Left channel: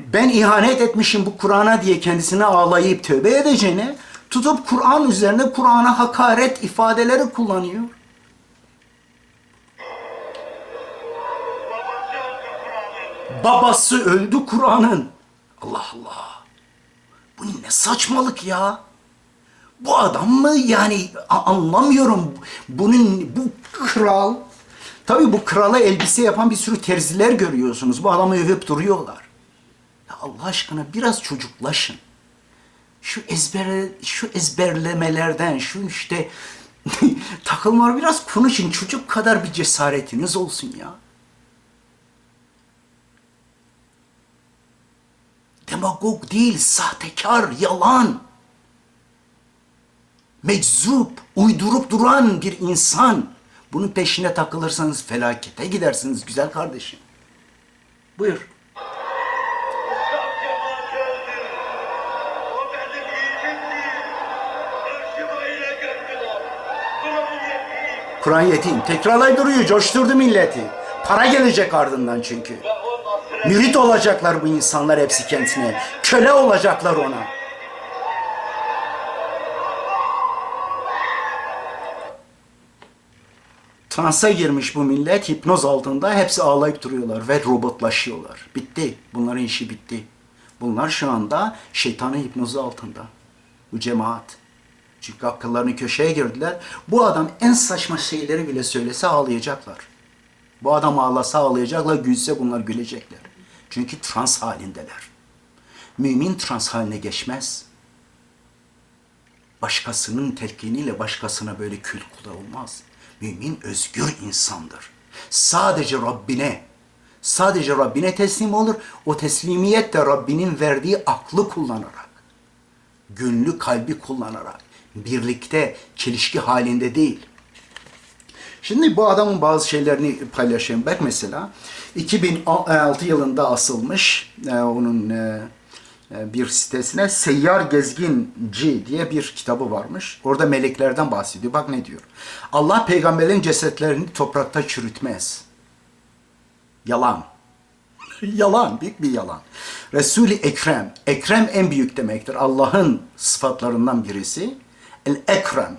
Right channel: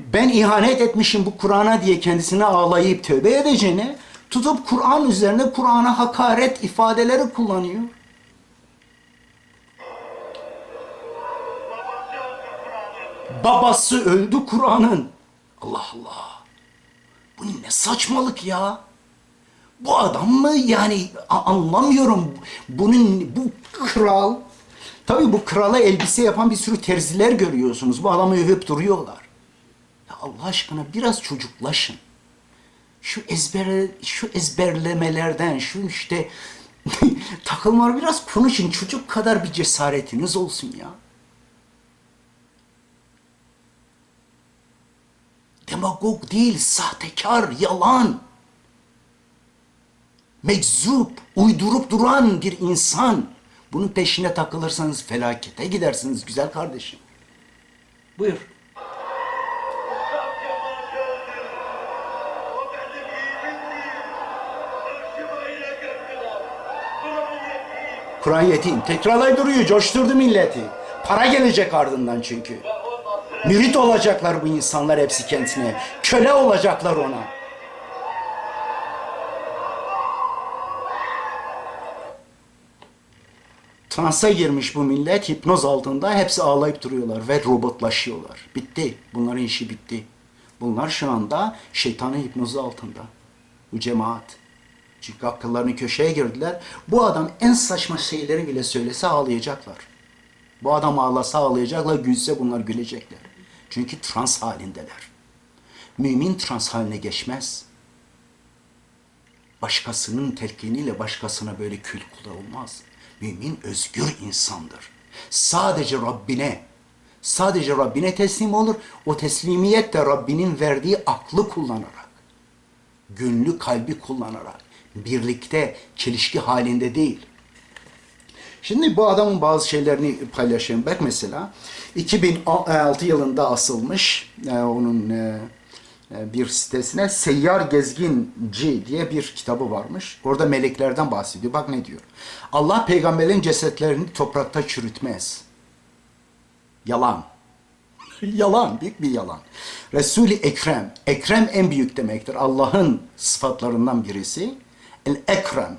ben ihanet etmişim bu Kur'an'a diye kendisine ağlayıp tövbe edeceğine tutup Kur'an üzerine Kur'an'a hakaret ifadeleri kullanıyor. Babası öldü Kur'an'ın. Allah Allah. Bu ne saçmalık ya? Bu adam mı yani anlamıyorum. Bunun bu kral. Tabii bu krala elbise yapan bir sürü terziler görüyorsunuz. Bu adamı övüp duruyorlar. Ya Allah aşkına biraz çocuklaşın. Şu ezber şu ezberlemelerden, şu işte takılmalar biraz konuşun. Çocuk kadar bir cesaretiniz olsun ya. Demagog değil, sahtekar, yalan. Meczup, uydurup duran bir insan. Bunun peşine takılırsanız felakete gidersiniz güzel kardeşim. Buyur. Kur'an yetim. Tekrarlay duruyor, coşturdu milleti. Para gelecek ardından çünkü. Mürit olacaklar bu insanlar hepsi kendisine. Köle olacaklar ona. Transa girmiş bu millet hipnoz altında hepsi ağlayıp duruyorlar ve robotlaşıyorlar. Bitti. Bunların işi bitti. Bunlar şu anda şeytanın hipnozu altında. Bu cemaat. Çünkü akıllarını köşeye girdiler. Bu adam en saçma şeyleri bile söylese ağlayacaklar. Bu adam ağlasa ağlayacaklar, gülse bunlar gülecekler. Çünkü trans halindeler. Mümin trans haline geçmez. Başkasının telkiniyle başkasına böyle kül kullanılmaz. Mümin özgür insandır. Sadece Rabbine, sadece Rabbine teslim olur. O teslimiyet de Rabbinin verdiği aklı kullanarak, gönlü kalbi kullanarak, birlikte, çelişki halinde değil. Şimdi bu adamın bazı şeylerini paylaşayım. Bak mesela 2006 yılında asılmış e, onun e, e, bir sitesine Seyyar Gezginci diye bir kitabı varmış. Orada meleklerden bahsediyor. Bak ne diyor. Allah peygamberlerin cesetlerini toprakta çürütmez. Yalan. yalan, büyük bir yalan. Resul-i Ekrem, Ekrem en büyük demektir. Allah'ın sıfatlarından birisi. El-Ekrem.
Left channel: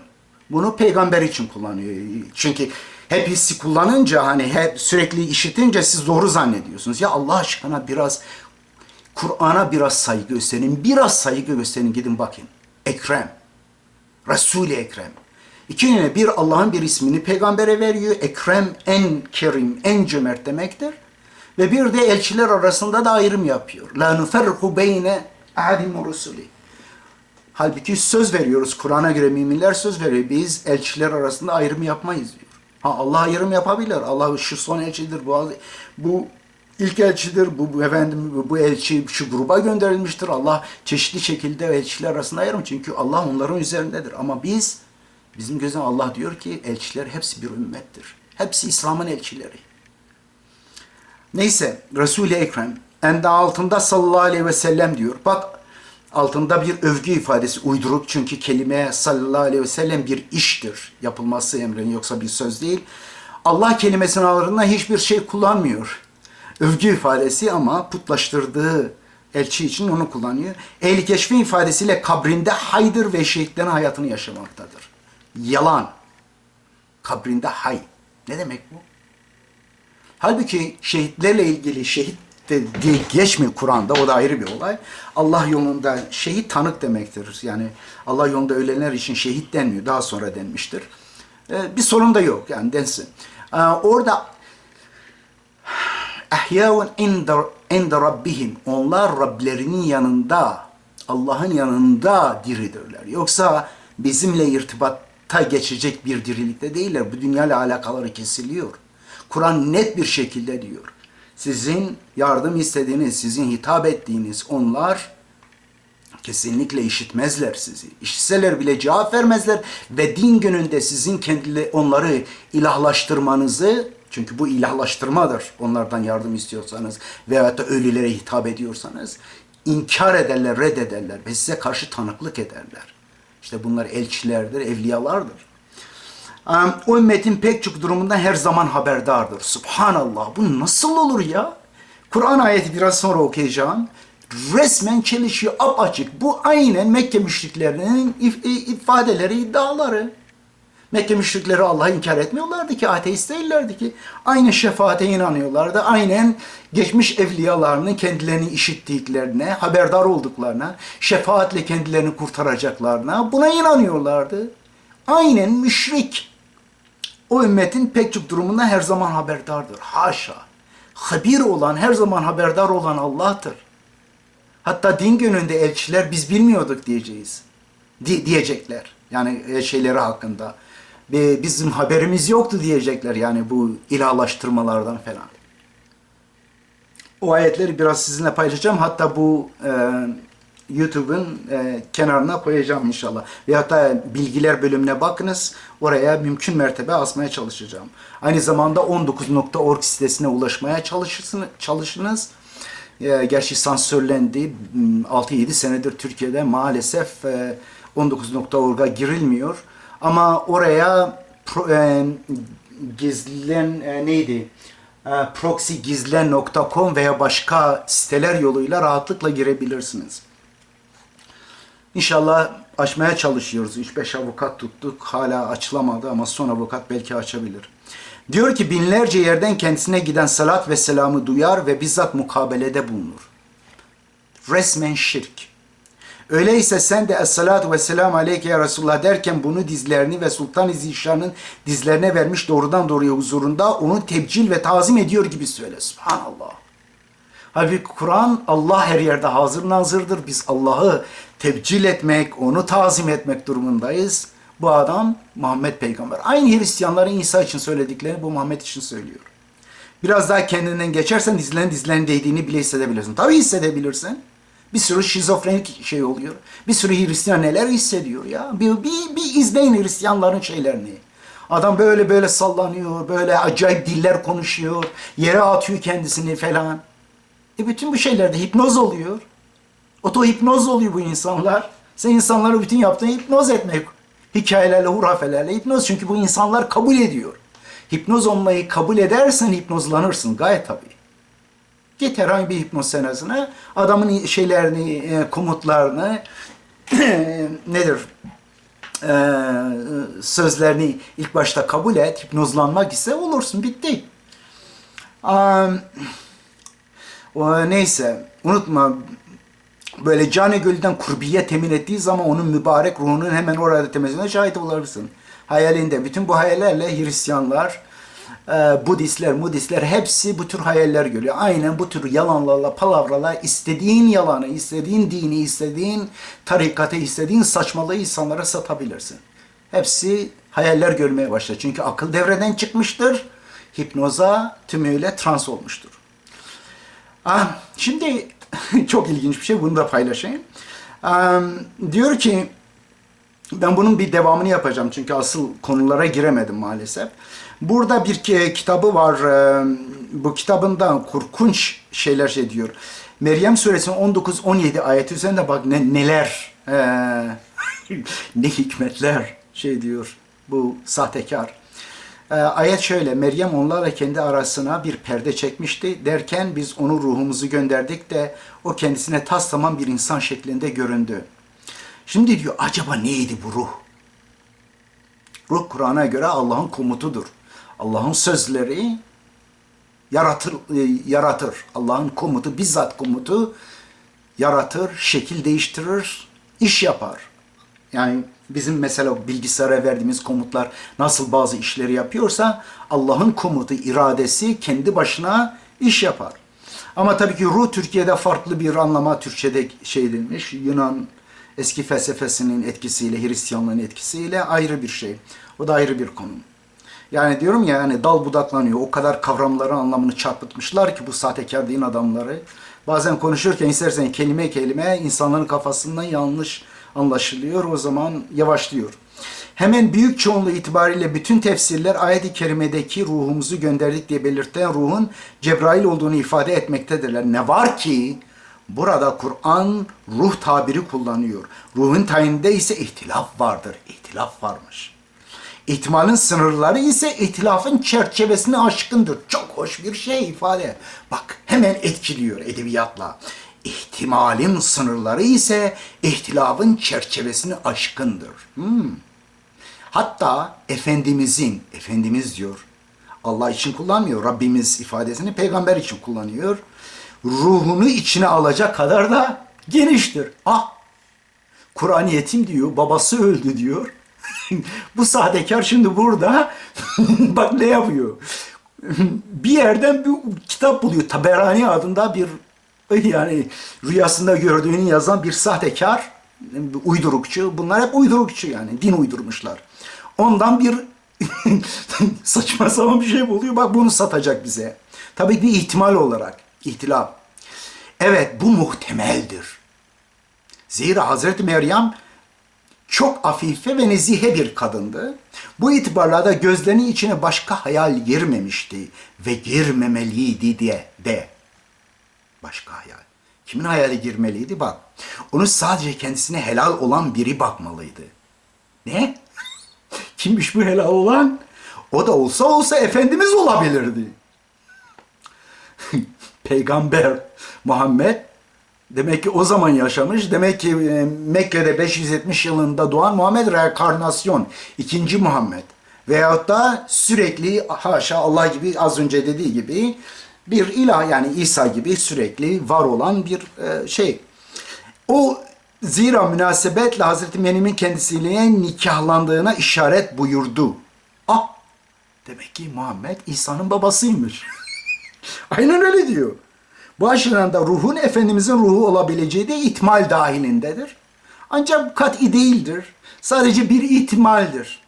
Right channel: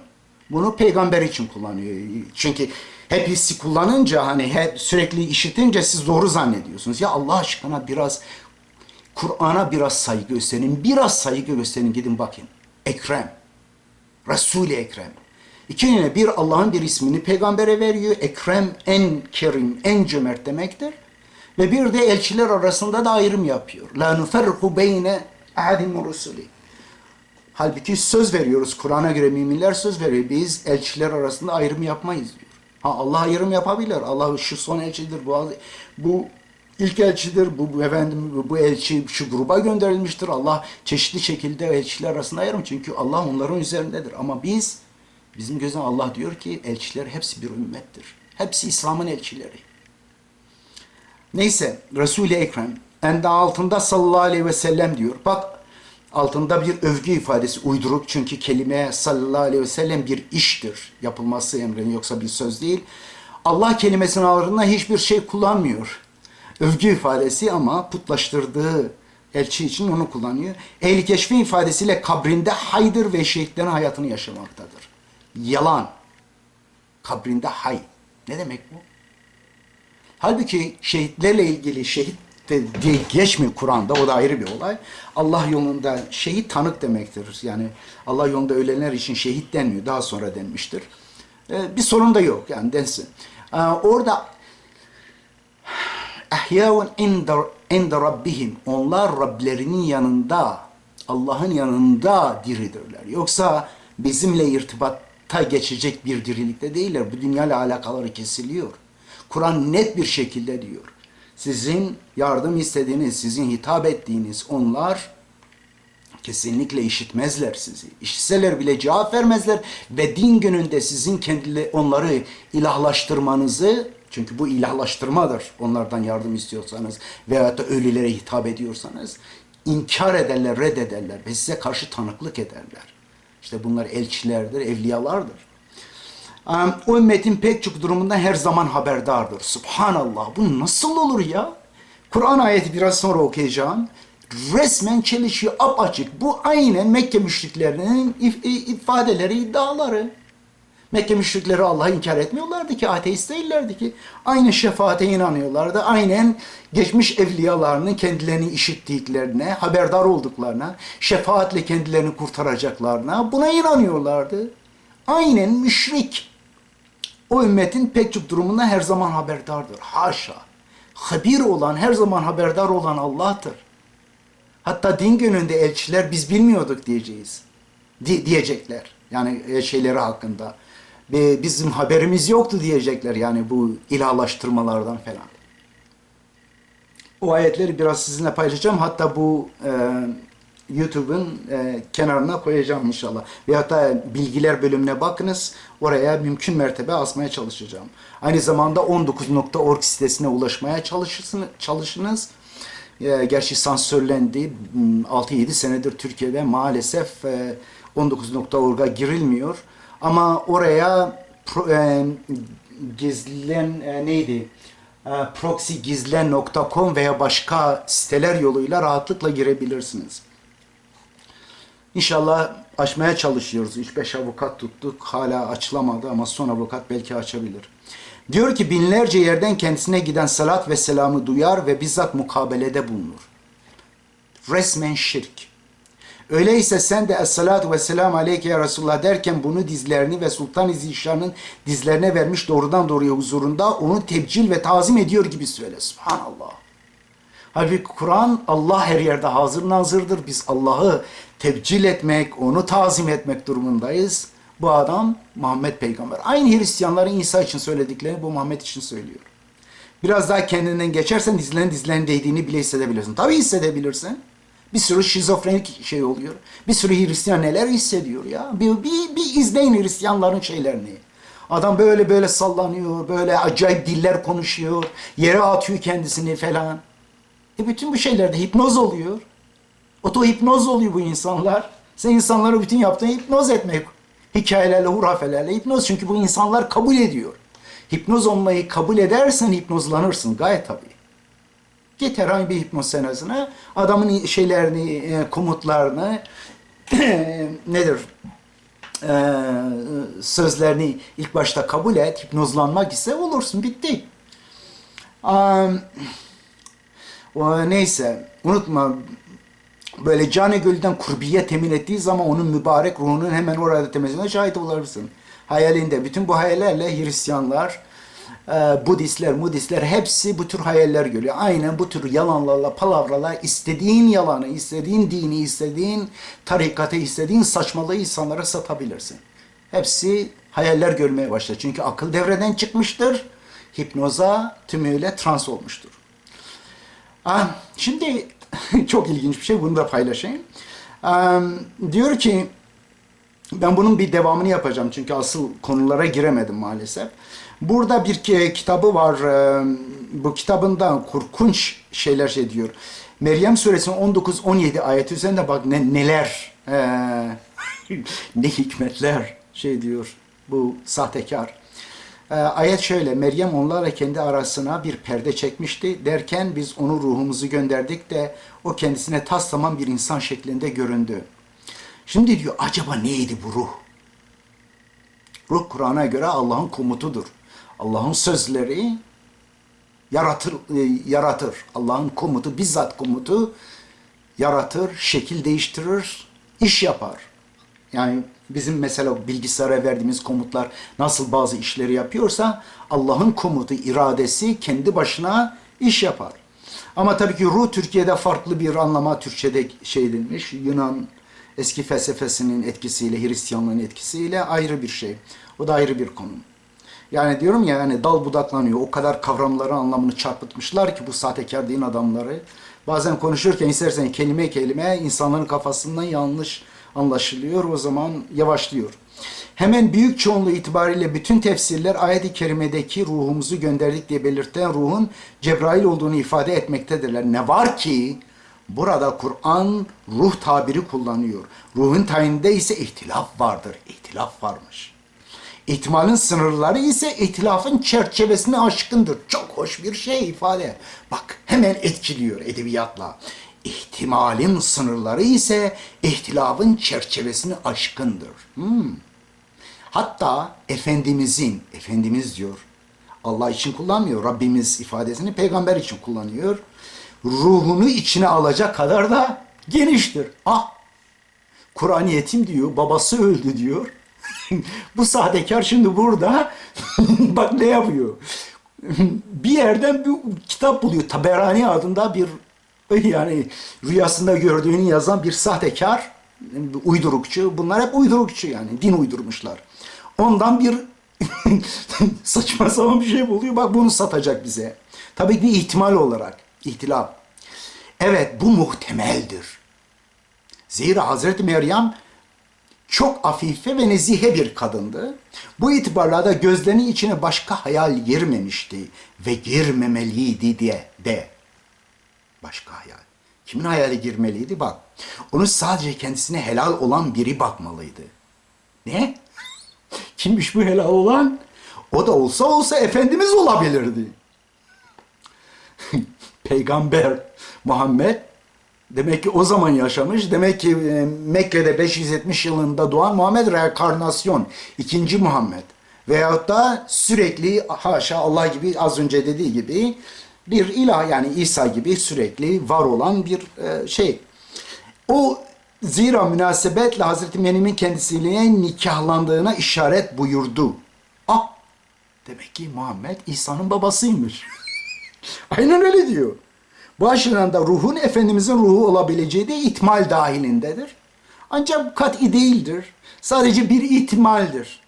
Bunu peygamber için kullanıyor. Çünkü hep hissi kullanınca hani hep sürekli işitince siz doğru zannediyorsunuz. Ya Allah aşkına biraz Kur'an'a biraz saygı gösterin. Biraz saygı gösterin gidin bakın. Ekrem. Resul-i Ekrem. İki bir Allah'ın bir ismini peygambere veriyor. Ekrem en kerim, en cömert demektir. Ve bir de elçiler arasında da ayrım yapıyor. La nuferriku beyne ahadim rusuli. Halbuki söz veriyoruz. Kur'an'a göre müminler söz veriyor. Biz elçiler arasında ayrım yapmayız diyor. Ha Allah ayrım yapabilir. Allah şu son elçidir. Bu, bu ilk elçidir. Bu, efendim bu, elçi şu gruba gönderilmiştir. Allah çeşitli şekilde elçiler arasında ayrım. Çünkü Allah onların üzerindedir. Ama biz bizim gözden Allah diyor ki elçiler hepsi bir ümmettir. Hepsi İslam'ın elçileri. Neyse Resul-i Ekrem en altında sallallahu aleyhi ve sellem diyor. Bak altında bir övgü ifadesi uyduruk çünkü kelime sallallahu aleyhi ve sellem bir iştir. Yapılması emrin yoksa bir söz değil. Allah kelimesinin ağırında hiçbir şey kullanmıyor. Övgü ifadesi ama putlaştırdığı elçi için onu kullanıyor. Ehli keşfi ifadesiyle kabrinde haydır ve şehitlerin hayatını yaşamaktadır. Yalan. Kabrinde hay. Ne demek bu? Halbuki şehitlerle ilgili şehit de diye geçmiyor Kur'an'da o da ayrı bir olay. Allah yolunda şehit tanık demektir. Yani Allah yolunda ölenler için şehit denmiyor. Daha sonra denmiştir. Ee, bir sorun da yok yani densin. Ee, orada ehyâun inde, rabbihim. Onlar Rablerinin yanında, Allah'ın yanında diridirler. Yoksa bizimle irtibatta geçecek bir dirilikte değiller. Bu dünyayla alakaları kesiliyor. Kur'an net bir şekilde diyor. Sizin yardım istediğiniz, sizin hitap ettiğiniz onlar kesinlikle işitmezler sizi. İşitseler bile cevap vermezler ve din gününde sizin kendili onları ilahlaştırmanızı çünkü bu ilahlaştırmadır. Onlardan yardım istiyorsanız veyahut da ölülere hitap ediyorsanız inkar ederler, reddederler ve size karşı tanıklık ederler. İşte bunlar elçilerdir, evliyalardır. Ümmetin pek çok durumundan her zaman haberdardır. Subhanallah bu nasıl olur ya? Kur'an ayeti biraz sonra okuyacağım. resmen çelişiyor apaçık. Bu aynen Mekke müşriklerinin if- ifadeleri, iddiaları. Mekke müşrikleri Allah'ı inkar etmiyorlardı ki, ateist değillerdi ki. Aynı şefaate inanıyorlardı. Aynen geçmiş evliyalarının kendilerini işittiklerine, haberdar olduklarına, şefaatle kendilerini kurtaracaklarına buna inanıyorlardı. Aynen müşrik. O ümmetin pek çok durumundan her zaman haberdardır. Haşa. Habir olan, her zaman haberdar olan Allah'tır. Hatta din gününde elçiler biz bilmiyorduk diyeceğiz. Di- diyecekler. Yani e, şeyleri hakkında. Bizim haberimiz yoktu diyecekler yani bu ilahlaştırmalardan falan. O ayetleri biraz sizinle paylaşacağım. Hatta bu e, YouTube'un e, kenarına koyacağım inşallah. Ve hatta bilgiler bölümüne bakınız. Oraya mümkün mertebe asmaya çalışacağım. Aynı zamanda 19.org sitesine ulaşmaya çalışırsın, çalışınız. E, gerçi sansürlendi. Hmm, 6-7 senedir Türkiye'de maalesef e, 19.org'a girilmiyor. Ama oraya pro, e, gizlen e, neydi? E, proxygizlen.com veya başka siteler yoluyla rahatlıkla girebilirsiniz. İnşallah açmaya çalışıyoruz. 3-5 avukat tuttuk. Hala açılamadı ama son avukat belki açabilir. Diyor ki binlerce yerden kendisine giden salat ve selamı duyar ve bizzat mukabelede bulunur. Resmen şirk. Öyleyse sen de Esselatu ve Selam Aleyke ya Resulullah derken bunu dizlerini ve Sultan-ı Zişan'ın dizlerine vermiş doğrudan doğruya huzurunda onu tebcil ve tazim ediyor gibi söyle. Subhanallah. Halbuki Kur'an Allah her yerde hazır nazırdır. Biz Allah'ı tebcil etmek, onu tazim etmek durumundayız. Bu adam Muhammed Peygamber. Aynı Hristiyanların İsa için söylediklerini bu Muhammed için söylüyor. Biraz daha kendinden geçersen dizlerin dizlerin değdiğini bile hissedebilirsin. Tabii hissedebilirsin. Bir sürü şizofrenik şey oluyor. Bir sürü Hristiyan neler hissediyor ya. Bir, bir, bir izleyin Hristiyanların şeylerini. Adam böyle böyle sallanıyor, böyle acayip diller konuşuyor, yere atıyor kendisini falan. E bütün bu şeylerde hipnoz oluyor. Oto hipnoz oluyor bu insanlar. Sen insanları bütün yaptığın hipnoz etmek. Hikayelerle, hurafelerle hipnoz. Çünkü bu insanlar kabul ediyor. Hipnoz olmayı kabul edersen hipnozlanırsın gayet tabii. Git herhangi bir hipnoz senesine adamın şeylerini, e, komutlarını nedir? E, sözlerini ilk başta kabul et. Hipnozlanmak ise olursun. Bitti. Am, o, neyse unutma böyle canı gölden kurbiye temin ettiği zaman onun mübarek ruhunun hemen orada temizliğine şahit olabilirsin. Hayalinde. Bütün bu hayallerle Hristiyanlar, e, Budistler, Mudistler hepsi bu tür hayaller görüyor. Aynen bu tür yalanlarla, palavralar istediğin yalanı, istediğin dini, istediğin tarikatı, istediğin saçmalığı insanlara satabilirsin. Hepsi hayaller görmeye başlar. Çünkü akıl devreden çıkmıştır. Hipnoza tümüyle trans olmuştur. Şimdi çok ilginç bir şey, bunu da paylaşayım. Diyor ki, ben bunun bir devamını yapacağım çünkü asıl konulara giremedim maalesef. Burada bir ki- kitabı var, e, bu kitabında korkunç şeyler şey diyor. Meryem suresinin 19-17 ayeti üzerinde bak ne, neler, e, ne hikmetler şey diyor bu sahtekar. Ee, ayet şöyle, Meryem onlarla kendi arasına bir perde çekmişti. Derken biz onu ruhumuzu gönderdik de o kendisine tas tamam bir insan şeklinde göründü. Şimdi diyor, acaba neydi bu ruh? Ruh Kur'an'a göre Allah'ın komutudur. Allah'ın sözleri yaratır, e, yaratır. Allah'ın komutu, bizzat komutu yaratır, şekil değiştirir, iş yapar. Yani bizim mesela bilgisayara verdiğimiz komutlar nasıl bazı işleri yapıyorsa Allah'ın komutu, iradesi kendi başına iş yapar. Ama tabii ki ruh Türkiye'de farklı bir anlama Türkçe'de şey edilmiş. Yunan eski felsefesinin etkisiyle, Hristiyanlığın etkisiyle ayrı bir şey. O da ayrı bir konu. Yani diyorum ya yani dal budaklanıyor. O kadar kavramların anlamını çarpıtmışlar ki bu sahtekar din adamları. Bazen konuşurken istersen kelime kelime insanların kafasından yanlış anlaşılıyor. O zaman yavaşlıyor. Hemen büyük çoğunluğu itibariyle bütün tefsirler ayet-i kerimedeki ruhumuzu gönderdik diye belirten ruhun Cebrail olduğunu ifade etmektedirler. Ne var ki burada Kur'an ruh tabiri kullanıyor. Ruhun tayininde ise ihtilaf vardır. İhtilaf varmış. İhtimalin sınırları ise ihtilafın çerçevesine aşkındır. Çok hoş bir şey ifade. Bak hemen etkiliyor edebiyatla. İhtimalin sınırları ise ihtilafın çerçevesini aşkındır. Hmm. Hatta Efendimizin, Efendimiz diyor, Allah için kullanmıyor, Rabbimiz ifadesini peygamber için kullanıyor. Ruhunu içine alacak kadar da geniştir. Ah, Kur'an yetim diyor, babası öldü diyor. Bu sahtekar şimdi burada bak ne yapıyor. bir yerden bir kitap buluyor. Taberani adında bir yani rüyasında gördüğünü yazan bir sahtekar, uydurukçu. Bunlar hep uydurukçu yani. Din uydurmuşlar. Ondan bir saçma sapan bir şey buluyor. Bak bunu satacak bize. Tabii bir ihtimal olarak. ihtilaf. Evet bu muhtemeldir. Zira Hazreti Meryem çok afife ve nezihe bir kadındı. Bu itibarla da gözlerinin içine başka hayal girmemişti ve girmemeliydi diye de. Başka hayal. Kimin hayali girmeliydi bak. Onu sadece kendisine helal olan biri bakmalıydı. Ne? Kimmiş bu helal olan? O da olsa olsa Efendimiz olabilirdi. Peygamber Muhammed demek ki o zaman yaşamış. Demek ki e, Mekke'de 570 yılında doğan Muhammed reenkarnasyon. ikinci Muhammed. Veyahut da sürekli haşa Allah gibi az önce dediği gibi bir ilah yani İsa gibi sürekli var olan bir e, şey. O zira münasebetle Hazreti Meryem'in kendisiyle nikahlandığına işaret buyurdu. Ah demek ki Muhammed İsa'nın babasıymış. Aynen öyle diyor. Bu da ruhun Efendimizin ruhu olabileceği de ihtimal dahilindedir. Ancak kat'i değildir. Sadece bir ihtimaldir.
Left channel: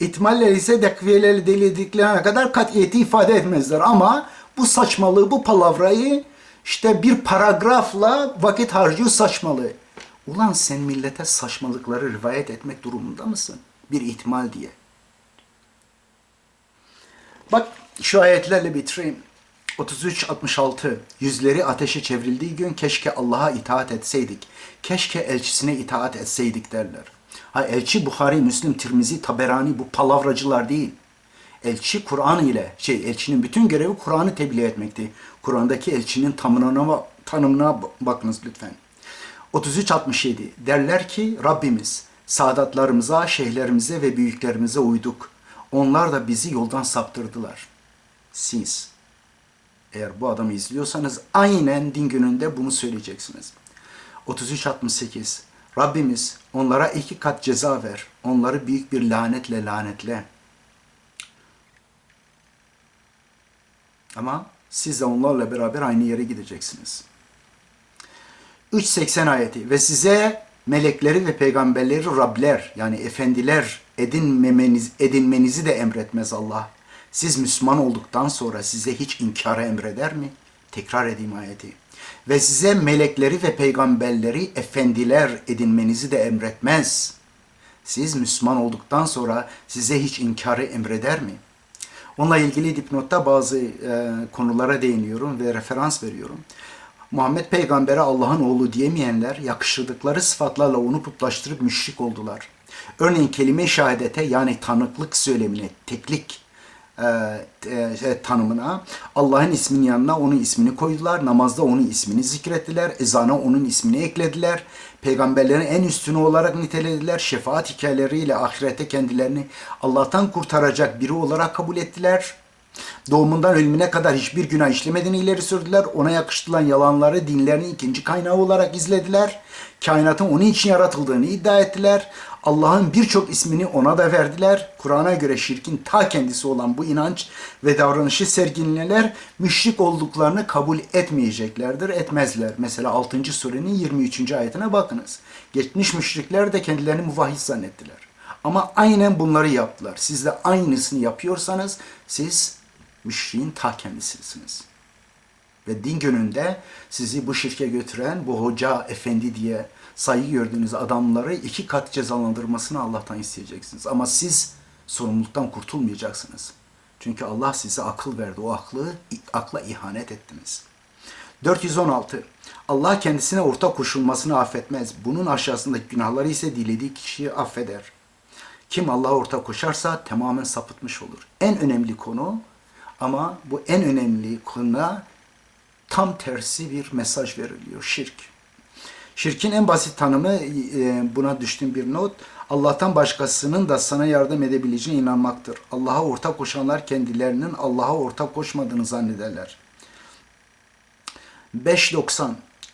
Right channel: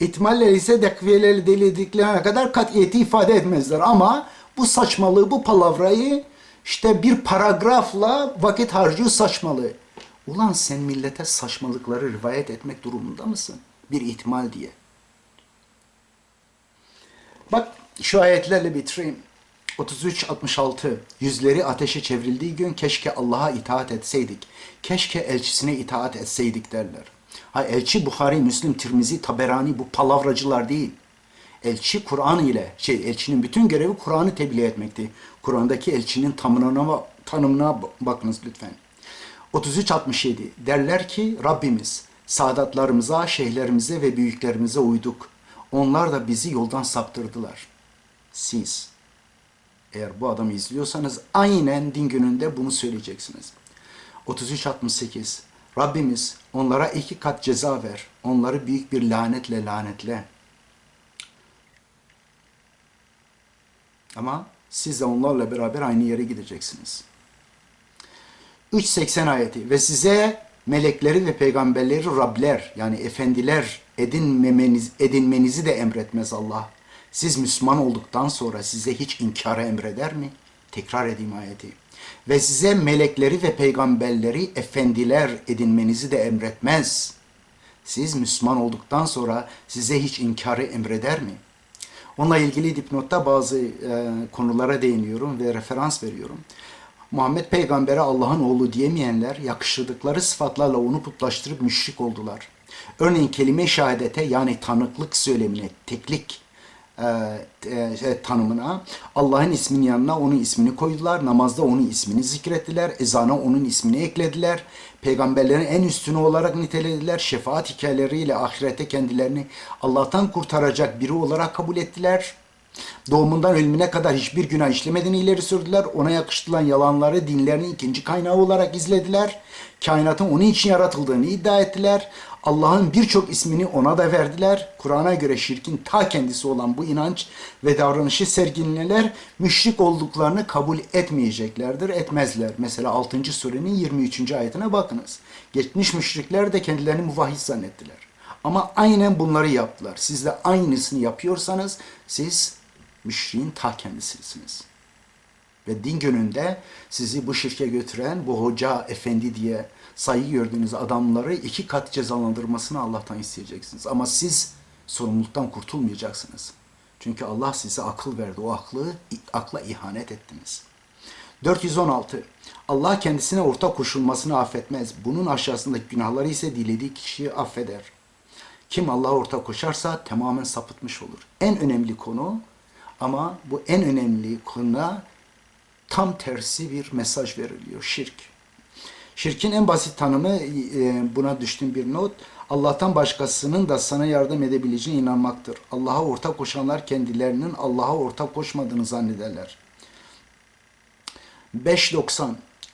İhtimaller ise dekviyeleri delediklerine kadar kat'iyeti ifade etmezler. Ama bu saçmalığı, bu palavrayı işte bir paragrafla vakit harcıyor saçmalığı. Ulan sen millete saçmalıkları rivayet etmek durumunda mısın? Bir ihtimal diye. Bak şu ayetlerle bitireyim. 33-66 Yüzleri ateşe çevrildiği gün keşke Allah'a itaat etseydik. Keşke elçisine itaat etseydik derler. Ha elçi Buhari, Müslim, Tirmizi, Taberani bu palavracılar değil. Elçi Kur'an ile şey elçinin bütün görevi Kur'an'ı tebliğ etmekti. Kur'an'daki elçinin tanımına, tanımına bakınız lütfen. 33-67 derler ki Rabbimiz saadatlarımıza, şeyhlerimize ve büyüklerimize uyduk. Onlar da bizi yoldan saptırdılar. Siz eğer bu adamı izliyorsanız aynen din gününde bunu söyleyeceksiniz. 33-68 Rabbimiz onlara iki kat ceza ver. Onları büyük bir lanetle lanetle. Ama siz de onlarla beraber aynı yere gideceksiniz. 3.80 ayeti ve size melekleri ve peygamberleri Rabler yani efendiler edinmemeniz, edinmenizi de emretmez Allah. Siz Müslüman olduktan sonra size hiç inkara emreder mi? Tekrar edeyim ayeti. Ve size melekleri ve peygamberleri efendiler edinmenizi de emretmez. Siz Müslüman olduktan sonra size hiç inkarı emreder mi? Onunla ilgili dipnotta bazı e, konulara değiniyorum ve referans veriyorum. Muhammed peygambere Allah'ın oğlu diyemeyenler yakıştırdıkları sıfatlarla onu putlaştırıp müşrik oldular. Örneğin kelime şehadete yani tanıklık söylemine, teklik e, e, tanımına Allah'ın isminin yanına onun ismini koydular. Namazda onun ismini zikrettiler. Ezana onun ismini eklediler. Peygamberlerin en üstünü olarak nitelediler. Şefaat hikayeleriyle ahirete kendilerini Allah'tan kurtaracak biri olarak kabul ettiler. Doğumundan ölümüne kadar hiçbir günah işlemediğini ileri sürdüler. Ona yakıştırılan yalanları dinlerinin ikinci kaynağı olarak izlediler. Kainatın onun için yaratıldığını iddia ettiler. Allah'ın birçok ismini ona da verdiler. Kur'an'a göre şirkin ta kendisi olan bu inanç ve davranışı sergileyenler müşrik olduklarını kabul etmeyeceklerdir, etmezler. Mesela 6. surenin 23. ayetine bakınız. Geçmiş müşrikler de kendilerini muvahhid zannettiler. Ama aynen bunları yaptılar. Siz de aynısını yapıyorsanız siz müşriğin ta kendisisiniz. Ve din gününde sizi bu şirke götüren bu hoca, efendi diye saygı gördüğünüz adamları iki kat cezalandırmasını Allah'tan isteyeceksiniz. Ama siz sorumluluktan kurtulmayacaksınız. Çünkü Allah size akıl verdi. O aklı, akla ihanet ettiniz. 416. Allah kendisine ortak koşulmasını affetmez. Bunun aşağısındaki günahları ise dilediği kişiyi affeder. Kim Allah'a ortak koşarsa tamamen sapıtmış olur. En önemli konu ama bu en önemli konuda tam tersi bir mesaj veriliyor. Şirk. Şirkin en basit tanımı e, buna düştüğüm bir not. Allah'tan başkasının da sana yardım edebileceğine inanmaktır. Allah'a ortak koşanlar kendilerinin Allah'a ortak koşmadığını zannederler. 5.90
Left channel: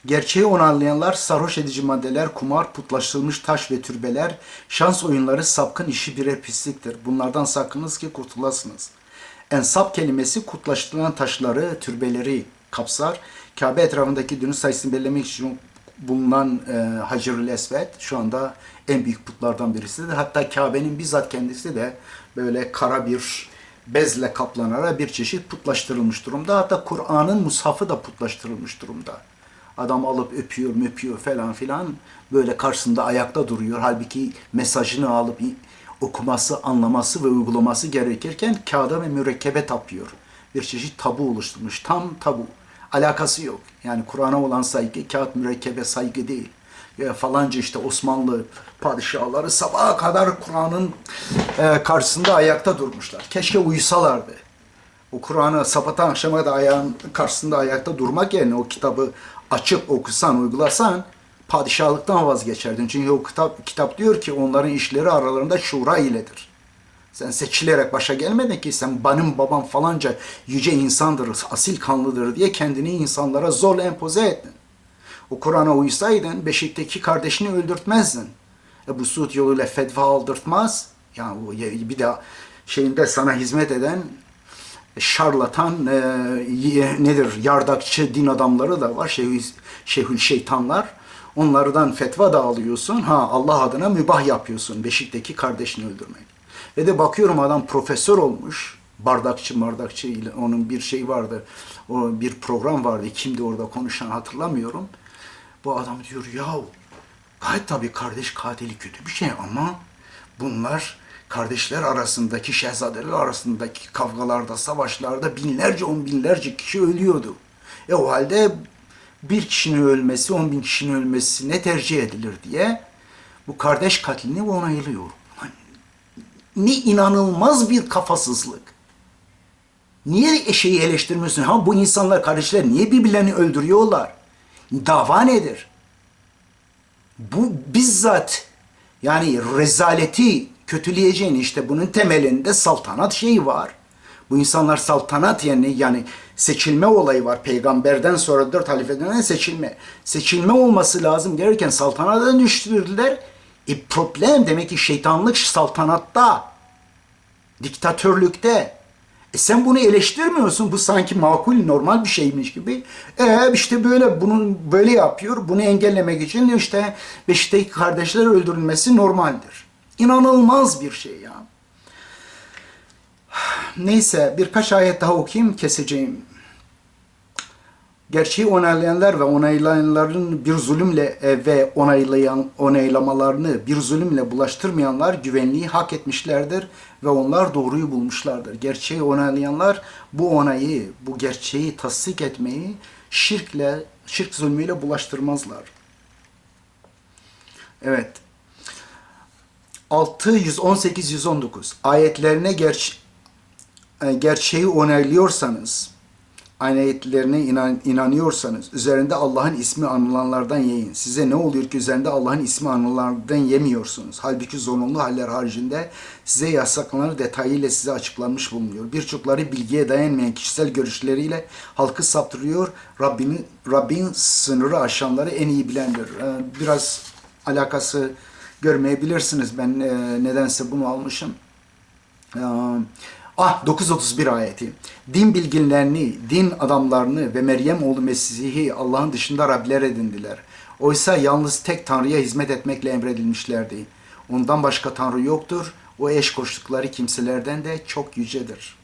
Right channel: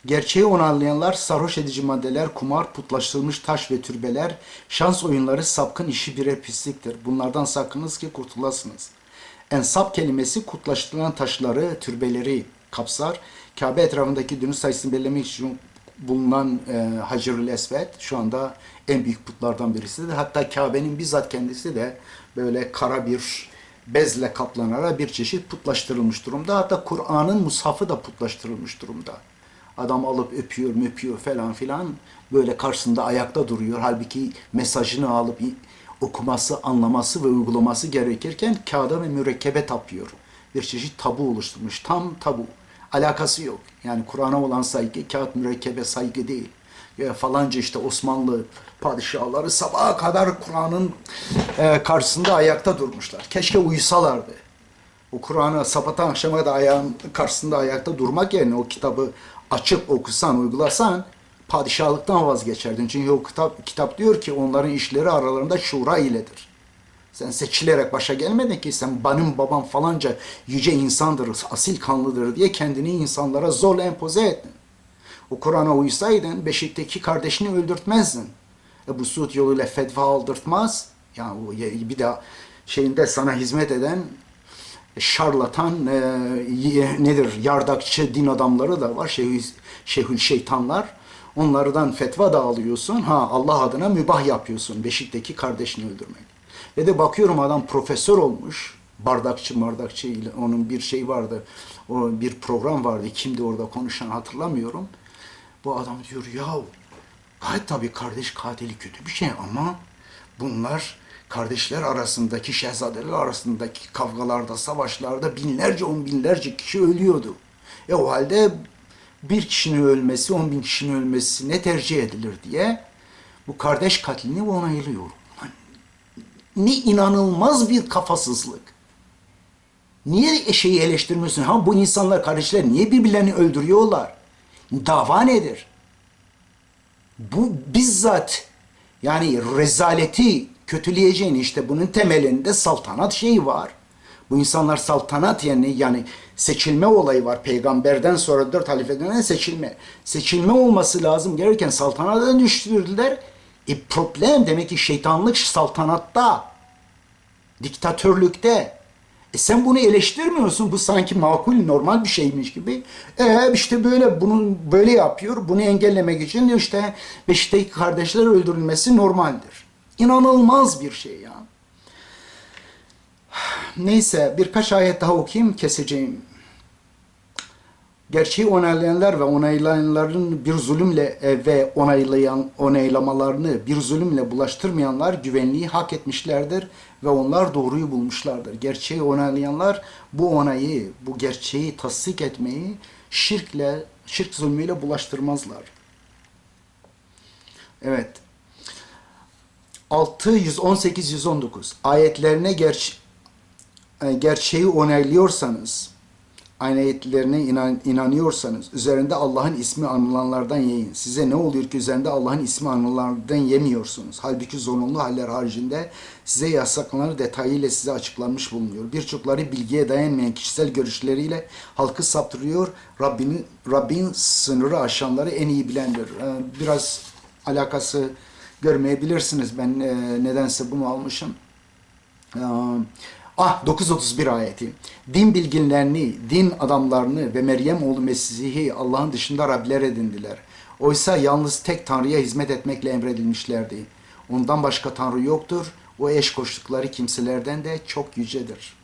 Gerçeği onaylayanlar sarhoş edici maddeler, kumar, putlaştırılmış taş ve türbeler, şans oyunları, sapkın işi birer pisliktir. Bunlardan sakınız ki kurtulasınız. Ensap kelimesi kutlaştırılan taşları, türbeleri kapsar. Kabe etrafındaki dünün sayısını belirlemek için bulunan e, Hacerül Esved şu anda en büyük putlardan birisidir. Hatta Kabe'nin bizzat kendisi de böyle kara bir bezle kaplanarak bir çeşit putlaştırılmış durumda. Hatta Kur'an'ın mushafı da putlaştırılmış durumda. Adam alıp öpüyor, öpüyor falan filan böyle karşısında ayakta duruyor. Halbuki mesajını alıp okuması, anlaması ve uygulaması gerekirken kağıda ve mürekkebe tapıyor. Bir çeşit tabu oluşturmuş. Tam tabu. Alakası yok. Yani Kur'an'a olan saygı kağıt mürekkebe saygı değil. Ya falanca işte Osmanlı padişahları sabaha kadar Kur'an'ın e, karşısında ayakta durmuşlar. Keşke uyusalardı. O Kur'an'ı sabahtan akşama da ayağın karşısında ayakta durmak yerine o kitabı açıp okusan, uygulasan padişahlıktan vazgeçerdin. Çünkü o kitap, kitap diyor ki onların işleri aralarında şura iledir. Sen seçilerek başa gelmedin ki sen benim babam falanca yüce insandır, asil kanlıdır diye kendini insanlara zorla empoze ettin. O Kur'an'a uysaydın Beşik'teki kardeşini öldürtmezdin. Ebu Suud yoluyla fetva aldırtmaz. Yani bir de şeyinde sana hizmet eden şarlatan e, nedir yardakçı din adamları da var şeyh, şeyhül şeytanlar. Onlardan fetva da alıyorsun. Ha Allah adına mübah yapıyorsun Beşik'teki kardeşini öldürmek. Ve de bakıyorum adam profesör olmuş. Bardakçı bardakçı ile onun bir şey vardı o bir program vardı. Kimdi orada konuşan hatırlamıyorum. Bu adam diyor ya gayet tabii kardeş katili kötü bir şey ama bunlar kardeşler arasındaki, şehzadeler arasındaki kavgalarda, savaşlarda binlerce, on binlerce kişi ölüyordu. E o halde bir kişinin ölmesi, on bin kişinin ölmesi ne tercih edilir diye bu kardeş katlini onaylıyor. Ne inanılmaz bir kafasızlık. Niye şeyi eleştirmiyorsun? Ha bu insanlar kardeşler niye birbirlerini öldürüyorlar? Dava nedir? Bu bizzat yani rezaleti kötüleyeceğin işte bunun temelinde saltanat şeyi var. Bu insanlar saltanat yani yani seçilme olayı var. Peygamberden sonra dört halifeden seçilme. Seçilme olması lazım gelirken saltanata düştürdüler. E problem demek ki şeytanlık saltanatta, diktatörlükte. E sen bunu eleştirmiyorsun. Bu sanki makul, normal bir şeymiş gibi. E işte böyle bunu böyle yapıyor. Bunu engellemek için işte Beşik'teki kardeşler öldürülmesi normaldir. İnanılmaz bir şey ya. Neyse birkaç ayet daha okuyayım keseceğim. Gerçeği onaylayanlar ve onaylayanların bir zulümle e, ve onaylayan onaylamalarını bir zulümle bulaştırmayanlar güvenliği hak etmişlerdir ve onlar doğruyu bulmuşlardır. Gerçeği onaylayanlar bu onayı, bu gerçeği tasdik etmeyi şirkle, şirk zulmüyle bulaştırmazlar. Evet. 6 118 119 ayetlerine ger gerçeği onaylıyorsanız ayetlerine inan, inanıyorsanız üzerinde Allah'ın ismi anılanlardan yiyin. Size ne oluyor ki üzerinde Allah'ın ismi anılanlardan yemiyorsunuz. Halbuki zorunlu haller haricinde size yasaklanan detayıyla size açıklanmış bulunuyor. Birçokları bilgiye dayanmayan kişisel görüşleriyle halkı saptırıyor. Rabbinin, Rabbin sınırı aşanları en iyi bilendir. Biraz alakası görmeyebilirsiniz. Ben e, nedense bunu almışım. E, ah 931 ayeti. Din bilginlerini, din adamlarını ve Meryem oğlu Mesih'i Allah'ın dışında Rabler edindiler. Oysa yalnız tek Tanrı'ya hizmet etmekle emredilmişlerdi. Ondan başka Tanrı yoktur. O eş koştukları kimselerden de çok yücedir.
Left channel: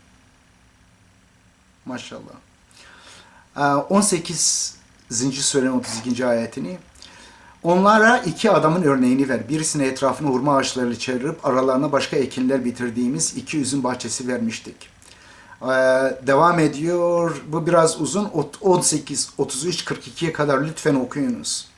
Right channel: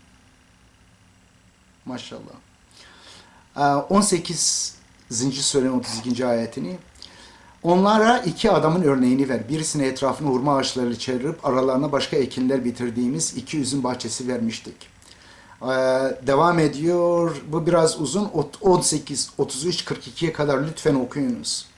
Maşallah. 18. Surenin 32. ayetini Onlara iki adamın örneğini ver. Birisine etrafını hurma ağaçlarıyla çevirip aralarına başka ekinler bitirdiğimiz iki üzüm bahçesi vermiştik. Ee, devam ediyor. Bu biraz uzun. 18, 33, 42'ye kadar lütfen okuyunuz.